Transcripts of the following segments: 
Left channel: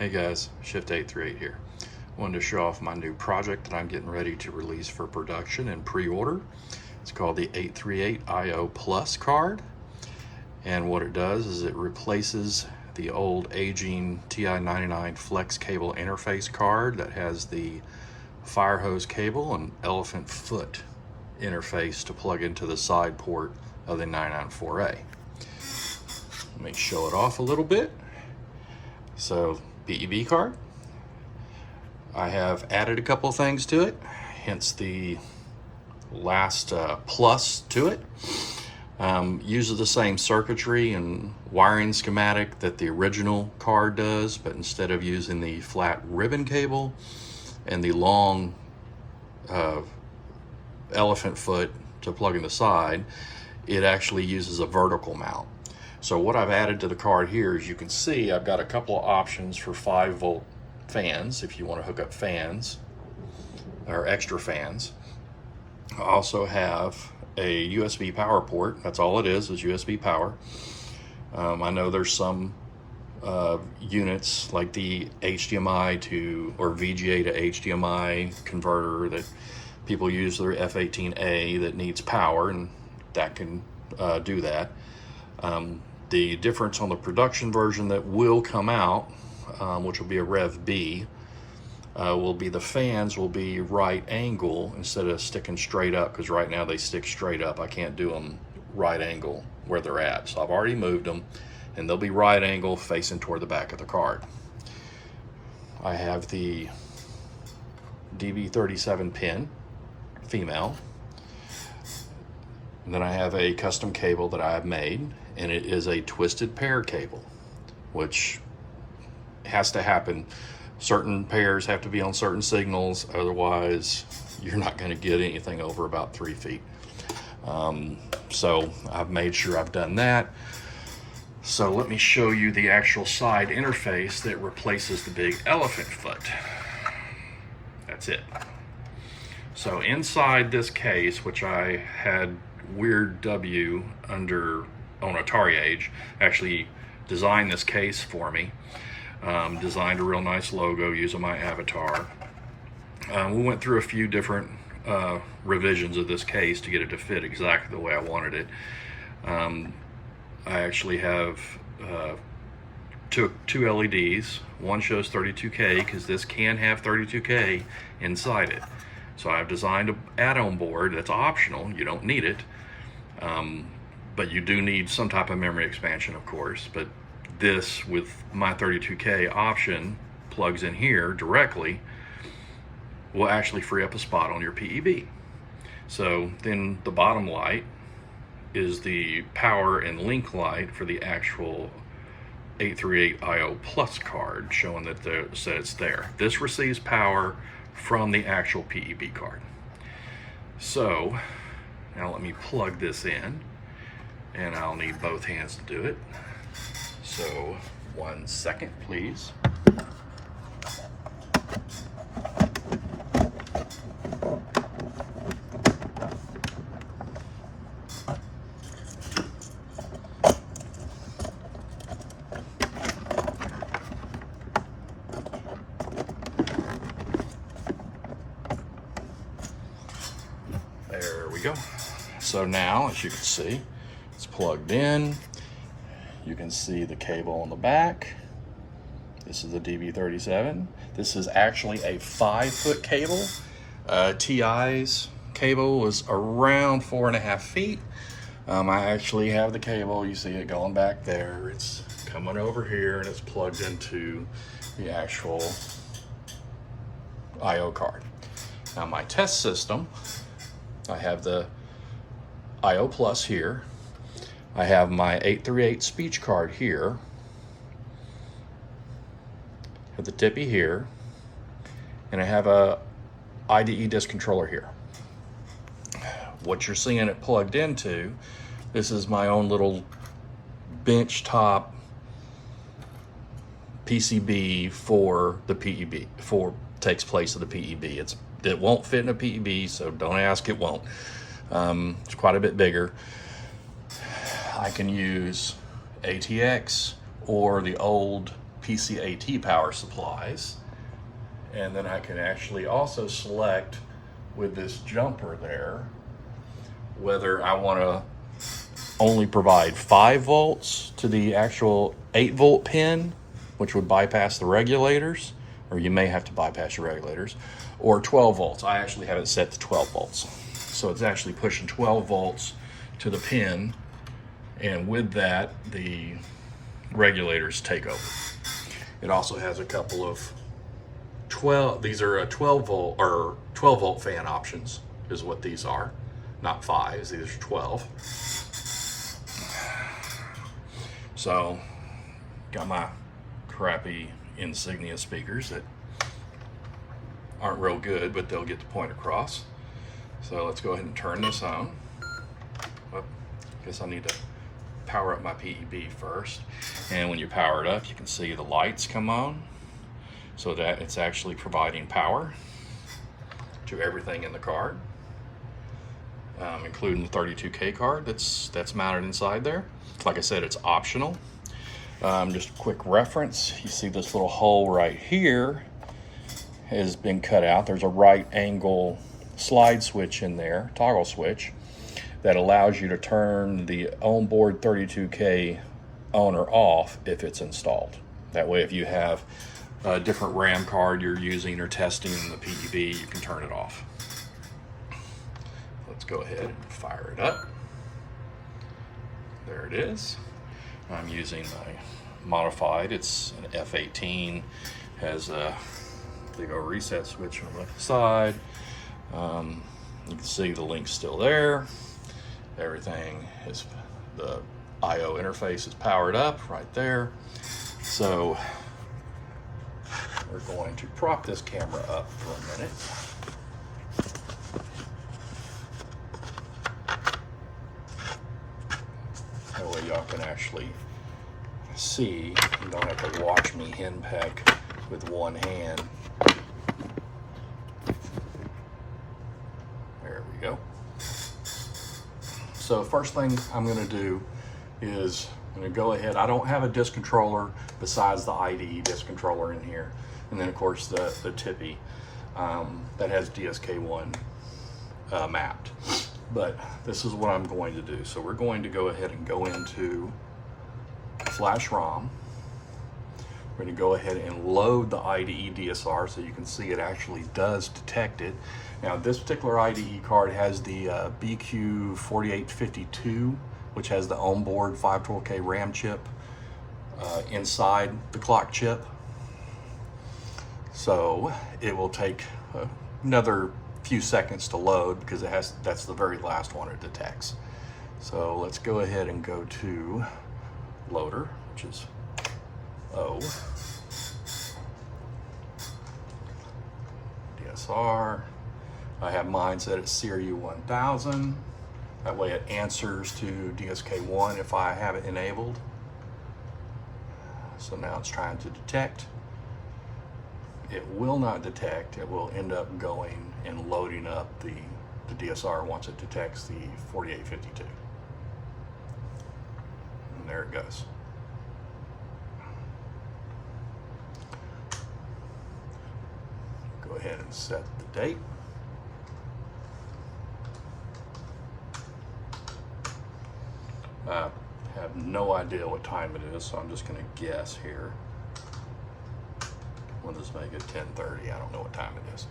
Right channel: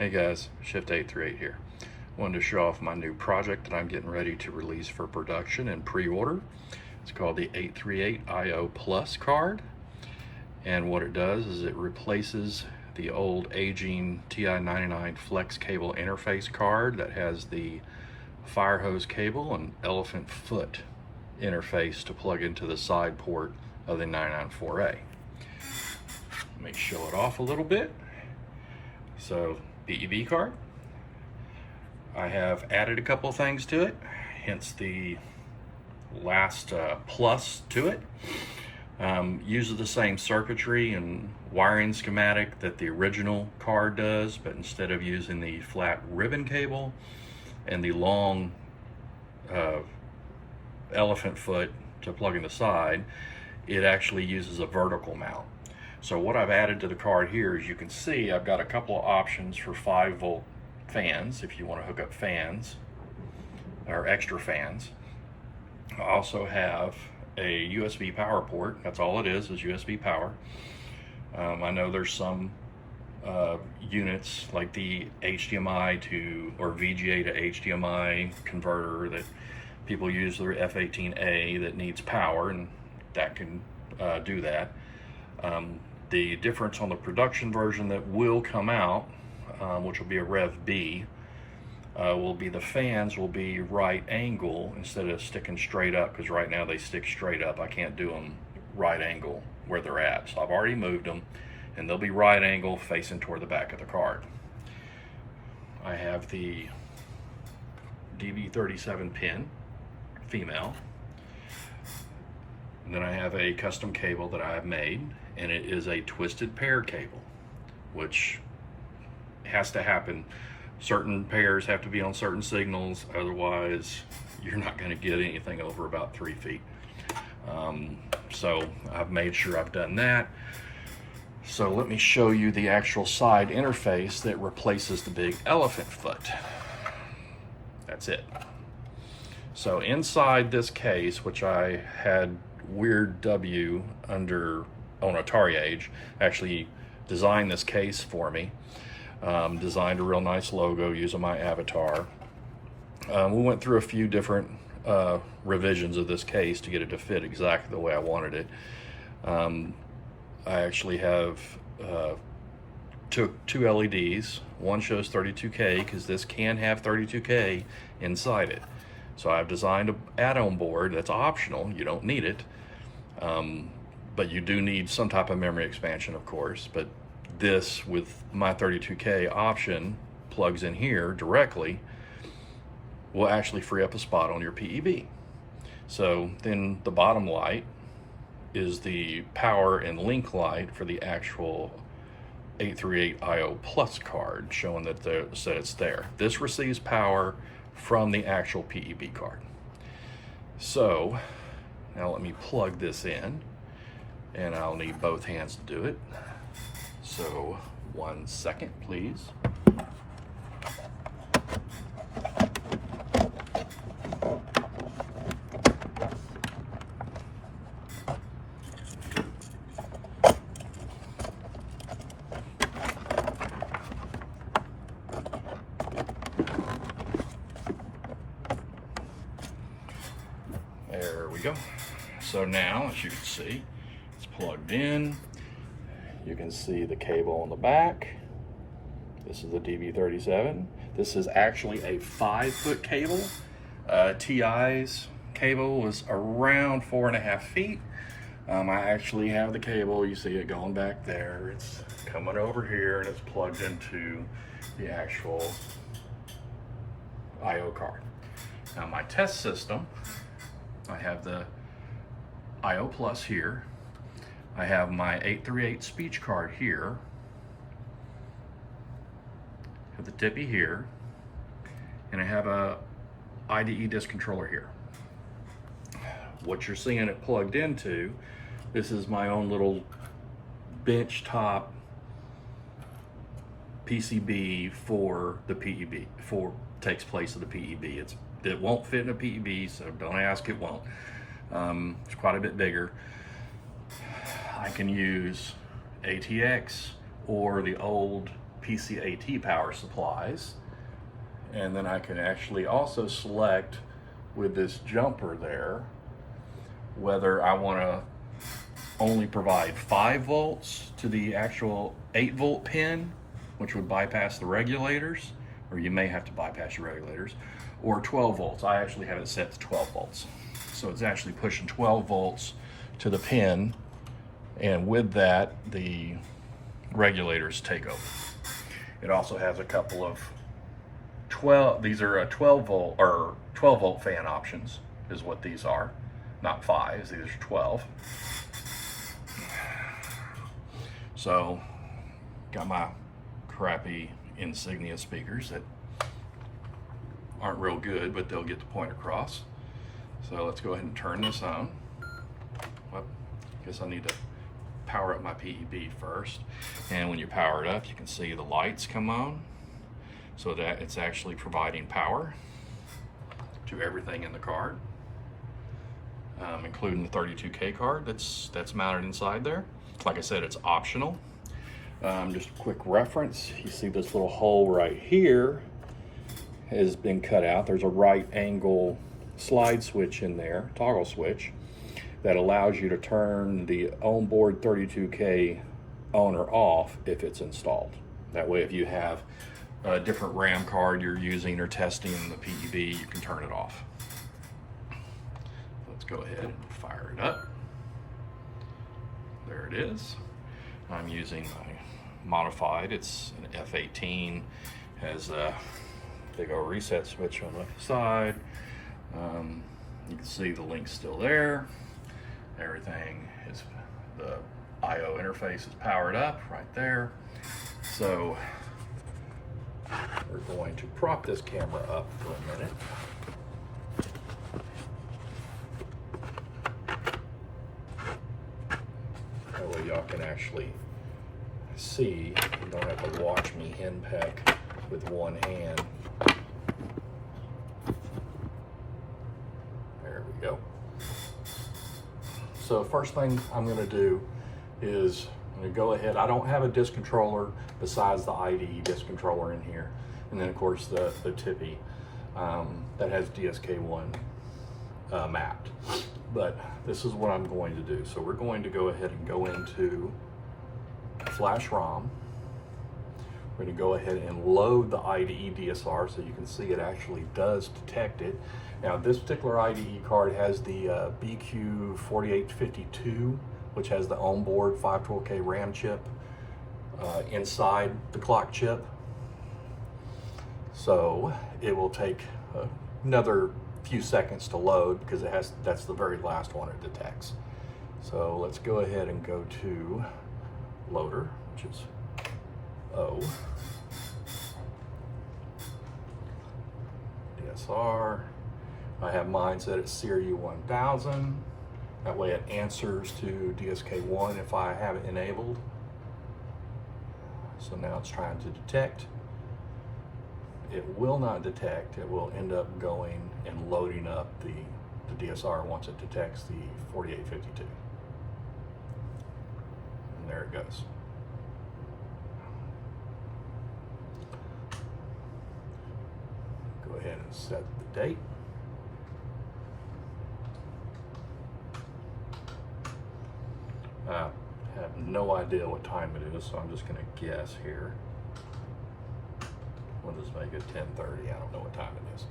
Hey guys, Shift 838 here. Wanted to show off my new project that I'm getting ready to release for production and pre-order. It's called the 838 IO Plus card. And what it does is it replaces the old aging TI-99 flex cable interface card that has the fire hose cable and elephant foot interface to plug into the side port of the 994A. Let me show it off a little bit. So, PEB card. I have added a couple of things to it, hence the last plus to it. Uses the same circuitry and wiring schematic that the original card does, but instead of using the flat ribbon cable and the long elephant foot to plug in the side, it actually uses a vertical mount. So what I've added to the card here, as you can see, I've got a couple of options for 5-volt fans if you want to hook up fans or extra fans. I also have a USB power port. That's all it is USB power. I know there's some units like the HDMI to or VGA to HDMI converter that people use their F18A that needs power, and that can do that. The difference on the production version that will come out, which will be a Rev B, will be the fans will be right angle instead of sticking straight up, because right now they stick straight up. I can't do them right angle where they're at. So I've already moved them, and they'll be right angle facing toward the back of the card. I have the DB37 pin, female. And then I have a custom cable that I have made, and it is a twisted pair cable, which has to happen. Certain pairs have to be on certain signals, otherwise you're not going to get anything over about 3 feet. So I've made sure I've done that. So let me show you the actual side interface that replaces the big elephant foot. That's it. So inside this case, which I had Weird W under on Atari Age, actually designed this case for me. Designed a real nice logo using my avatar. We went through a few different revisions of this case to get it to fit exactly the way I wanted it. I actually have took 2 LEDs. One shows 32K because this can have 32K inside it. So I've designed an add-on board that's optional. You don't need it, but you do need some type of memory expansion, of course. But this, with my 32K option, plugs in here directly, will actually free up a spot on your PEB. So then the bottom light is the power and link light for the actual 838 IO Plus card, showing that it's there. This receives power from the actual PEB card. So now let me plug this in, and I'll need both hands to do it. So 1 second, please. There we go. So now, as you can see, it's plugged in. You can see the cable on the back. This is the DB37. This is actually a 5-foot cable. TI's cable was around 4.5 feet. I actually have the cable. You see it going back there. It's coming over here, and it's plugged into the actual IO card. Now my test system, I have the IO Plus here. I have my 838 speech card here with the tippy here, and I have a IDE disc controller here. What you're seeing it plugged into, this is my own little bench top PCB for the PEB, takes place of the PEB. It won't fit in a PEB, so don't ask, it won't. It's quite a bit bigger. I can use ATX or the old PCAT power supplies. And then I can actually also select with this jumper there whether I want to only provide 5 volts to the actual 8-volt pin, which would bypass the regulators, or you may have to bypass your regulators, or 12 volts. I actually have it set to 12 volts. So it's actually pushing 12 volts to the pin, and with that, the regulators take over. It also has a couple of 12, these are a 12 volt fan options is what these are. Not 5s, these are 12. So, got my crappy Insignia speakers that aren't real good, but they'll get the point across. So let's go ahead and turn this on. Well, guess I need to power up my PEB first. And when you power it up, you can see the lights come on, so that it's actually providing power to everything in the card, including the 32K card that's mounted inside there. Like I said, it's optional. Just a quick reference, you see this little hole right here has been cut out. There's a right angle slide switch in there, toggle switch, that allows you to turn the onboard 32K on or off if it's installed. That way, if you have a different RAM card you're using or testing in the PEB, you can turn it off. Let's go ahead and fire it up. There it is. I'm using my modified, it's an F18, has a big old reset switch on the side. You can see the link's still there. Everything is, the IO interface is powered up right there. So we're going to prop this camera up for a minute. That way y'all can actually see. You don't have to watch me henpeck with one hand. There we go. So first thing I'm going to do is I'm going to go ahead. I don't have a disc controller besides the IDE disc controller in here, and then of course the Tippy that has DSK1 mapped. But this is what I'm going to do. So we're going to go ahead and go into Flash ROM. We're going to go ahead and load the IDE DSR so you can see it actually does detect it. Now this particular IDE card has the BQ4852, which has the onboard 512K RAM chip inside the clock chip. So it will take another few seconds to load because that's the very last one it detects. So let's go ahead and go to loader, which is O. DSR. I have mine set at Series 1000. That way it answers to DSK1 if I have it enabled. So now it's trying to detect. It will not detect. It will end up going and loading up the DSR once it detects the 4852. And there it goes. Go ahead and set the date. I have no idea what time it is, so I'm just going to guess here. We'll just make it 10:30. I don't know what time it is.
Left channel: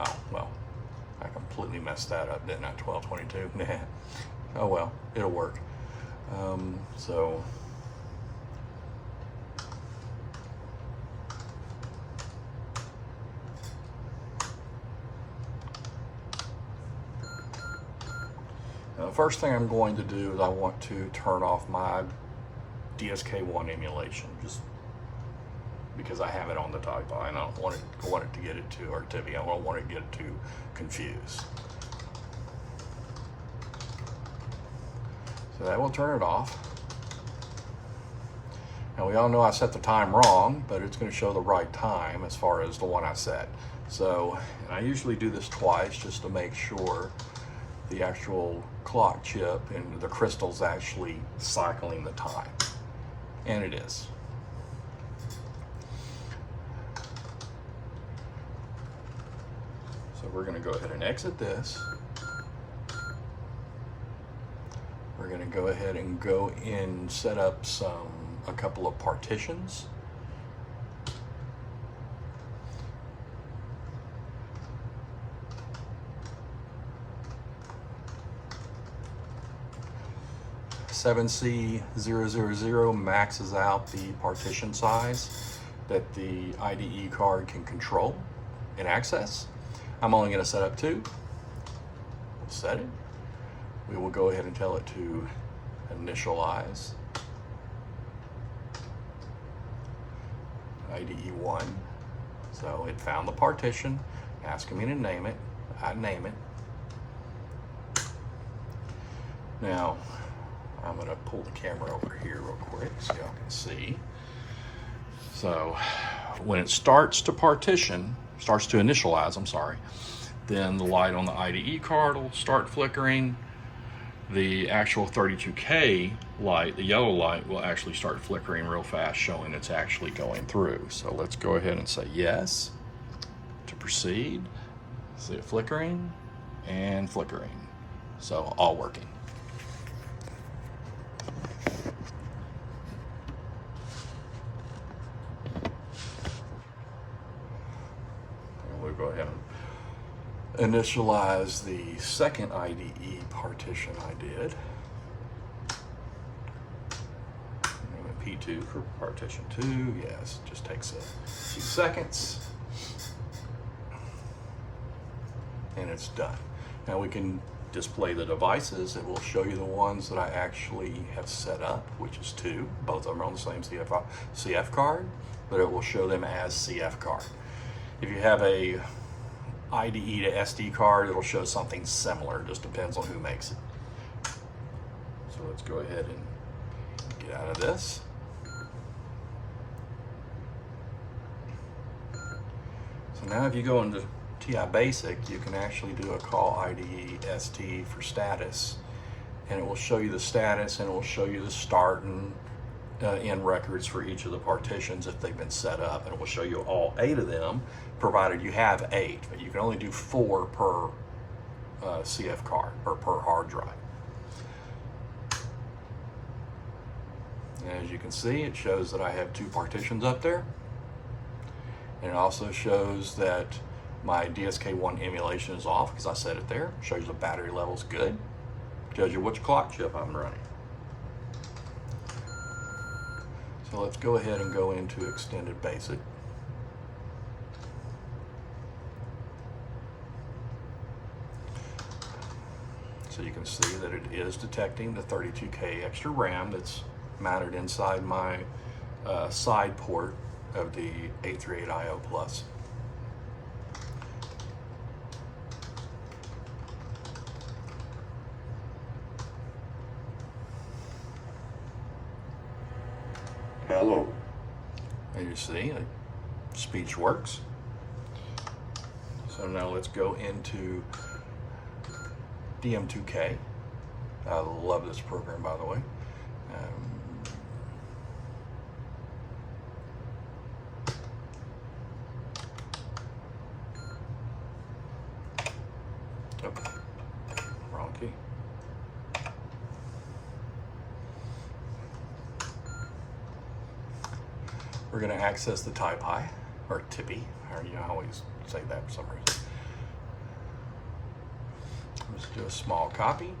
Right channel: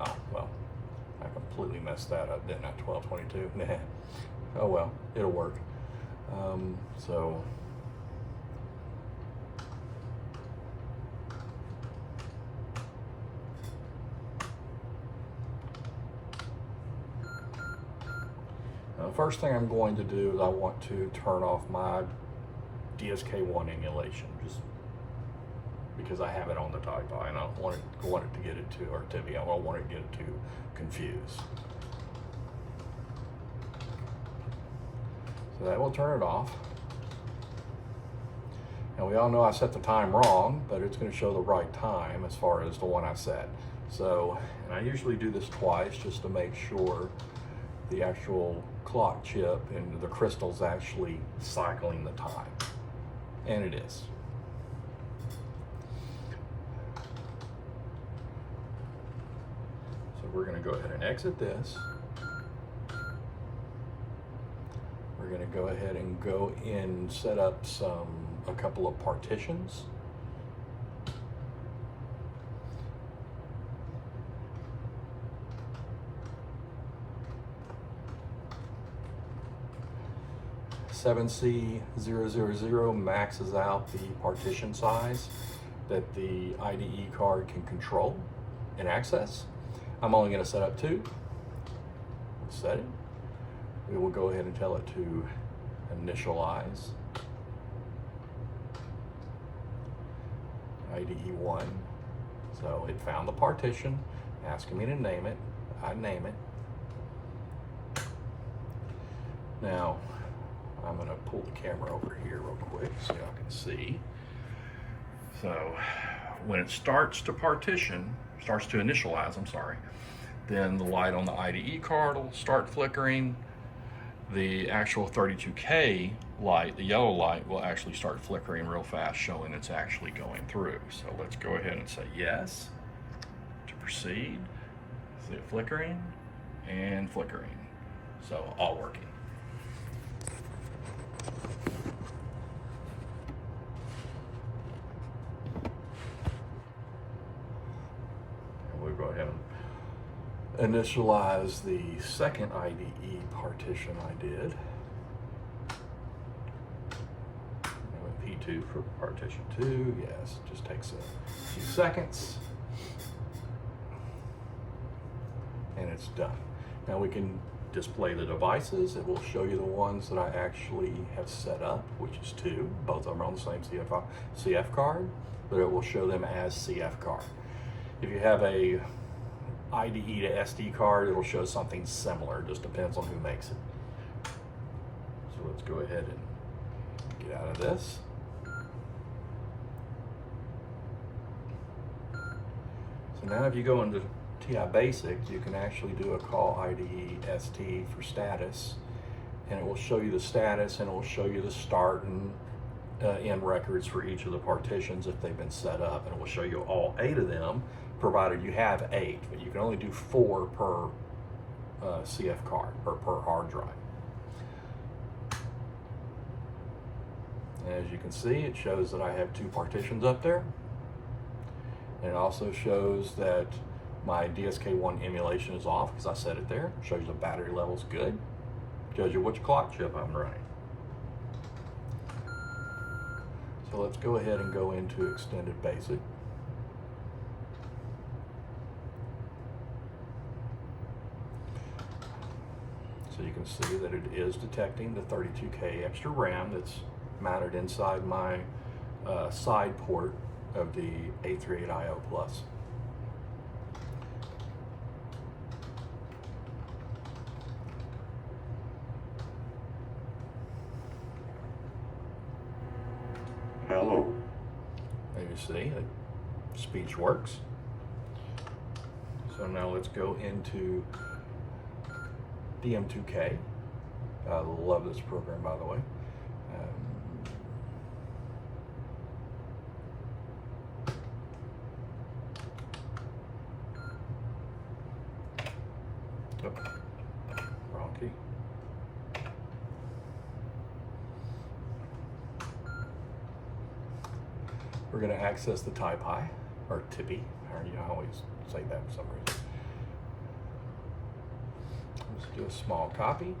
Oh, well, I completely messed that up, didn't I? 12:22. Man. Oh well, it'll work. So now the first thing I'm going to do is I want to turn off my DSK1 emulation, just because I have it on the typo and I don't want it to get it too, or Tippy, I don't want it to get it too confused. So that will turn it off. Now we all know I set the time wrong, but it's going to show the right time as far as the one I set. So, and I usually do this twice just to make sure the actual clock chip and the crystal's actually cycling the time. And it is. we're going to go ahead and exit this. We're going to go ahead and go in, set up a couple of partitions. .7C000 maxes out the partition size that the IDE card can control and access. I'm only going to set up 2. We'll set it. We will go ahead and tell it to initialize IDE 1. So it found the partition, asking me to name it. I name it. Now, I'm going to pull the camera over here real quick so y'all can see. So when it starts to initialize, then the light on the IDE card will start flickering. The actual 32K light, the yellow light, will actually start flickering real fast, showing it's actually going through. So let's go ahead and say yes to proceed. See it flickering and flickering. So all working. Go ahead and initialize the second IDE partition I did. P2 for partition 2, yes, it just takes a few seconds. And it's done. Now we can display the devices. It will show you the ones that I actually have set up, which is 2. Both of them are on the same CF card, but it will show them as CF card. If you have a IDE to SD card, it'll show something similar. It just depends on who makes it. So let's go ahead and get out of this. So now if you go into TI Basic, you can actually do a call IDE ST for status, and it will show you the status, and it will show you the start and end records for each of the partitions if they've been set up, and it will show you all 8 of them, provided you have 8, but you can only do 4 per CF card or per hard drive. And as you can see, it shows that I have 2 partitions up there, and it also shows that my DSK1 emulation is off because I set it there. It shows the battery level's good, tells you which clock chip I'm running. So let's go ahead and go into Extended Basic. So you can see that it is detecting the 32K extra RAM that's mounted inside my side port of the 838IO Plus. Hello. And you see that speech works. So now let's go into DM2K. I love this program, by the way. Wrong key. We're going to access the TiPi, or Tippy, or I always say that for some reason. Let's do a small copy.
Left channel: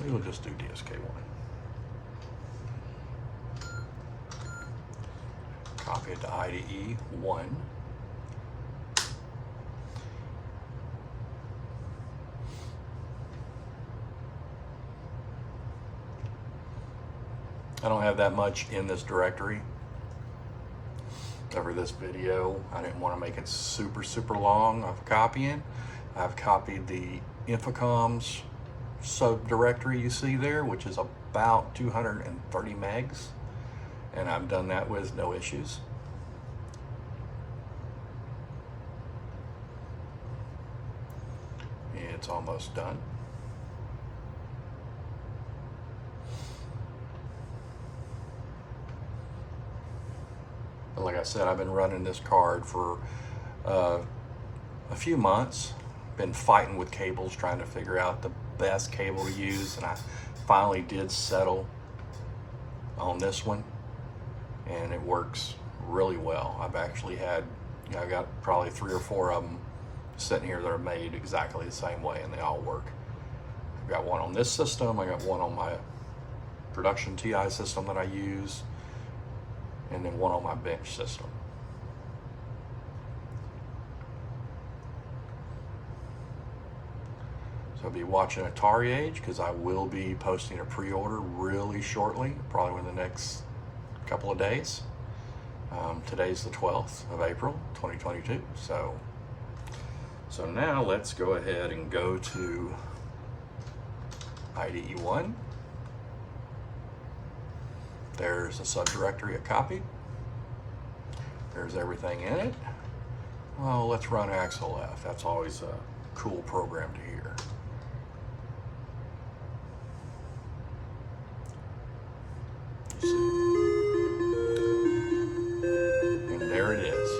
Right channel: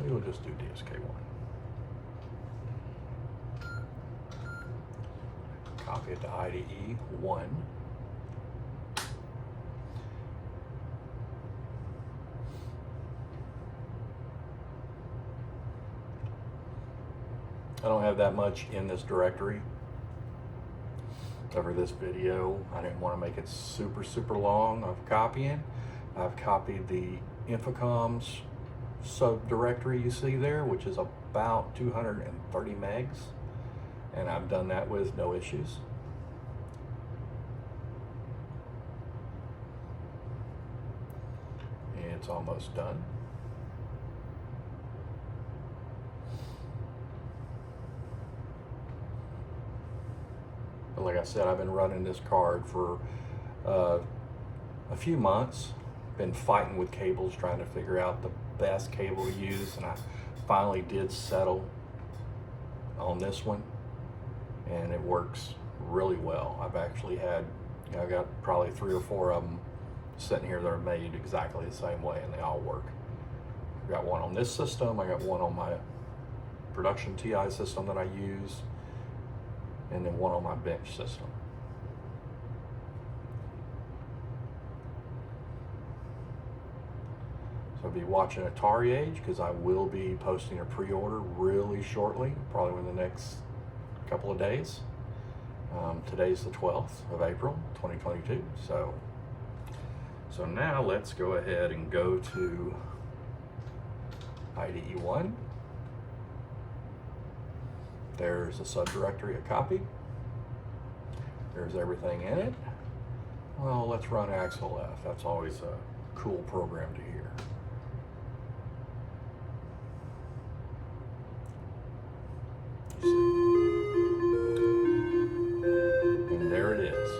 Maybe we'll just do DSK1. Copy it to IDE 1. I don't have that much in this directory over this video. I didn't want to make it super long of copying. I've copied the Infocom's subdirectory you see there, which is about 230 megs, and I've done that with no issues. And it's almost done. But like I said, I've been running this card for a few months. Been fighting with cables, trying to figure out the best cable to use, and I finally did settle on this one, and it works really well. I've actually had, I got probably 3 or 4 of them sitting here that are made exactly the same way, and they all work. I've got one on this system, I got one on my production TI system that I use, and then one on my bench system. So I'll be watching Atari Age, because I will be posting a pre-order really shortly, probably in the next couple of days. Today's the 12th of April, 2022. So now let's go ahead and go to IDE 1. There's a subdirectory, a copy. There's everything in it. Well, let's run Axel F. That's always a cool program to hear. And there it is.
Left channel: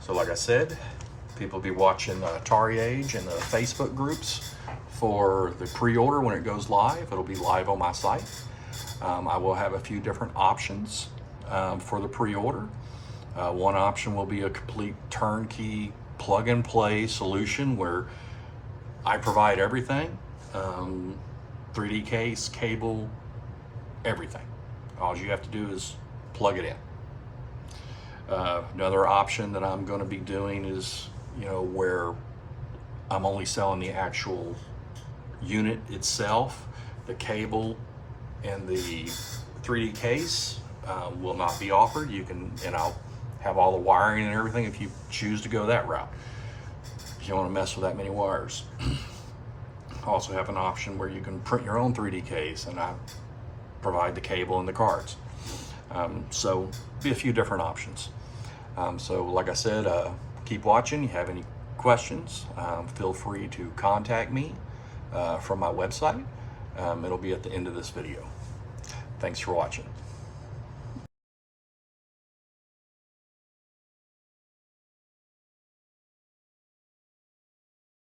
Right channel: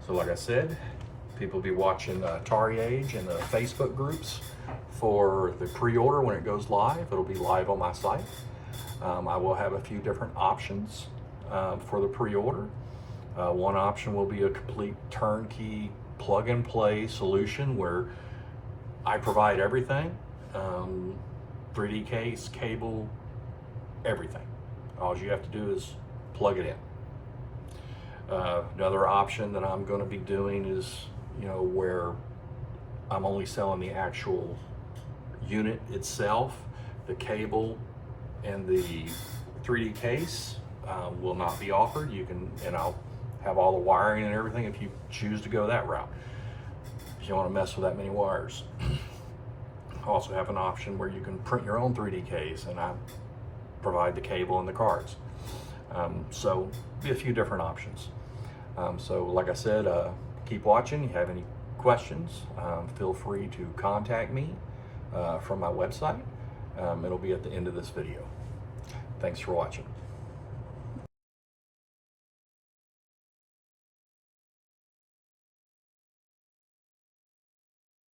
So like I said, people will be watching Atari Age in the Facebook groups for the pre-order when it goes live. It'll be live on my site. I will have a few different options for the pre-order. One option will be a complete turnkey plug-and-play solution where I provide everything. 3D case, cable, everything. All you have to do is plug it in. Another option that I'm going to be doing is, where I'm only selling the actual unit itself. The cable and the 3D case will not be offered. You can, and I'll have all the wiring and everything if you choose to go that route. You don't want to mess with that many wires. Also have an option where you can print your own 3D case, and I provide the cable and the cards. So be a few different options. So like I said, keep watching. If you have any questions, feel free to contact me from my website. It'll be at the end of this video. Thanks for watching.